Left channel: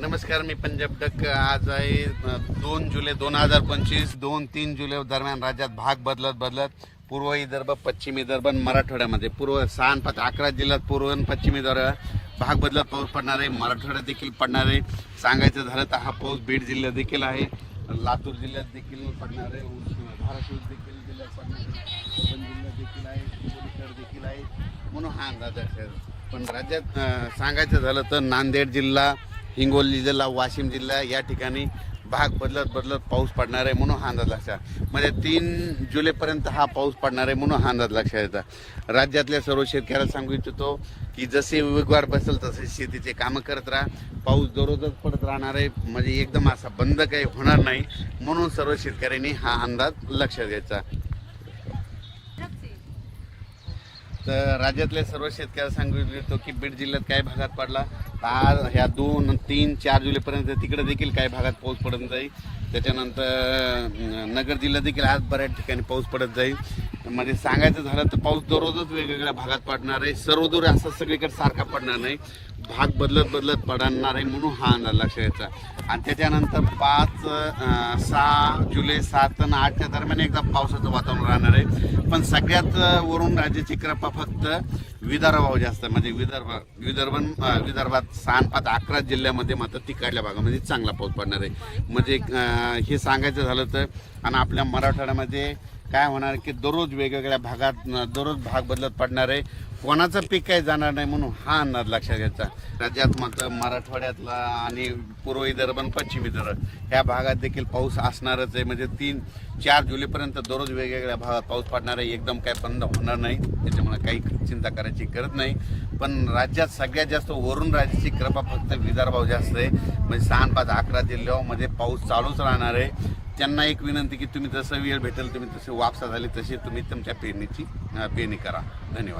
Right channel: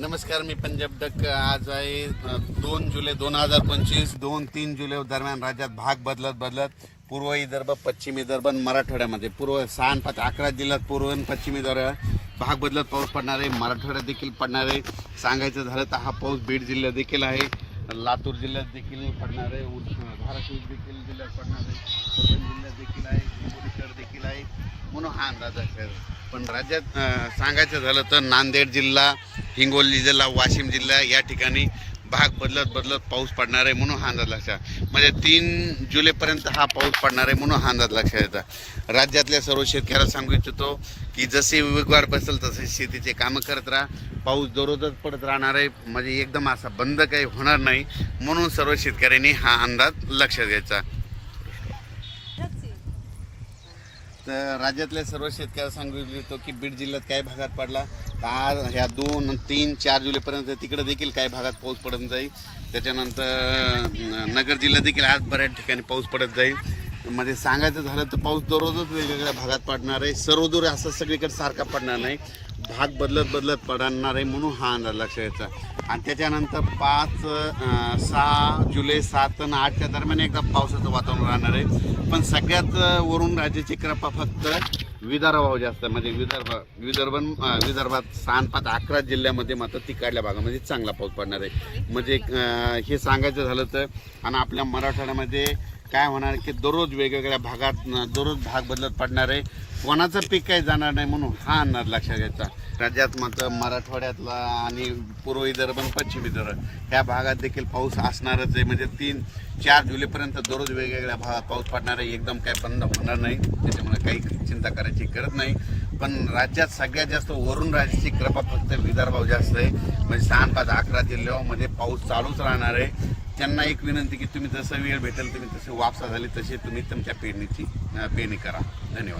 नमस्कार मी पंजाब डक आज आहे दोन जुलै दोन हजार पंचवीस. दोन तीन जुलै दरम्यान राज्यात भाग बदलत बदलत पूर्व विदर्भ पश्चिम विदर्भ मराठवाड्यामध्ये. पूर्व सहा पाच अकरा जिल्ह्यात पूर्व आणि पश्चिम विदर्भ भाग बदलत पाऊस पडणार आहे मराठवाड्यात देखील पडणार. आहे सांगायचं झालं तर हा पाऊस बीड जिल्ह्यात देखील आहे. लातूर जिल्ह्यात देखील पडणार आहे धाराशिव देखील जिल्ह्यात पडणार आहे परभणी जिल्ह्यात देखील आहे हिंगोलीकर देखील आहे. म्हणून हा अंदाज आहे पण राज्यात सांगायचं झालं तर नांदेड जिल्हा हिंगोली जिल्हा वाशिम जिल्हा या ठिकाणी भाग बदलत बदलत पाऊस पडणार आहे म्हणून हा अंदाज लक्षात म्हणजे तीन जुलैपर्यंत हा पाऊस पडणार आहे म्हणून हा अंदाज लक्षात येतात राज्यातल्या सर्व शेतकऱ्याला सांगू इच्छितो की जसे वेगवार बसेल तसे शेतीचे कामं करत राहा. पाऊस दररोजच पडत राहणार आहे. म्हणजे एकदम असा बंद काही होणार नाही. म्हणून सर्व शेतकऱ्यांनी हा अंदाज लक्षात घ्यायचा. तर राज्यातल्या सर्व शेतकऱ्याला सांगू इच्छितो की बीड जिल्ह्यात काही भागात पडला तर आज ह्या दोन तीन चार जुलैपर्यंत तिकडे देखील काही भागात पाऊस पडत जाईल त्याच्यानंतर नगर जिल्ह्यात देखील आज बऱ्याच ठिकाणी पाऊस पडत जाईल. म्हणजे सांगायचं झालं तर पाऊस दररोजच वेगवेगळ्या भागात पडणार आहे. सर्वदूर असं सगळीकडे सारखा पडणार नाही. भाग बदलत बदलत पडणार आहे म्हणून हा अंदाज लक्षात यायचा आणि त्याच्यानंतर पाच सहा जुलै सात आणि आठच्या दरम्यान एकदा पावसाचं वातावरण राहणार आहे. पण सगळ्यात वरून राज्याची कृपा फक्त विदर्भाव जास्त आहे. म्हणजे विदर्भ विदर्भ विदर्भात सहा पाच अकरा जिल्ह्यामध्ये मात्र तिकडल्या भागामध्ये म्हणजे चांगला पाऊस पडणार आहे. म्हणजे हे सांगायचं झालं तर आणि आपल्या मराठवाड्यामध्ये काय होणार की दररोज वेगवेगळ्या भागात दररोज भाग बदलत पडणार आहे. कोणाचं पीक काही जाणार नाही म्हणून हा अंदाज लक्षात घ्यायचा. राज्यात मात्र मराठवाड्यातला आणि पूर्व विदर्भ आणि पश्चिम विदर्भ ह्या भागात देखील पाऊस असणारच आहे. म्हणजे तीन चार जुलैपर्यंत दररोज वेगवेगळ्या भागात पाऊस पडणार आहे. एकदम काही बंद होणार नाही. त्याच्यामुळे काही चिंता करायची गरज नाही. पण राज्यात सगळ्यात जास्त वरून राज्याची कृपा फक्त विदर्भाव जास्त आहे. म्हणजे सहा पाच अकरा जिल्ह्यामध्ये पाऊस चालूच राहणार आहे. त्यांना एक विनंती की तुम्ही जसं वेळ भेटेल तुम्ही तसे वापसा झाले तसे तुम्ही तुमच्या पेरणीची पेरणी करा. धन्यवाद.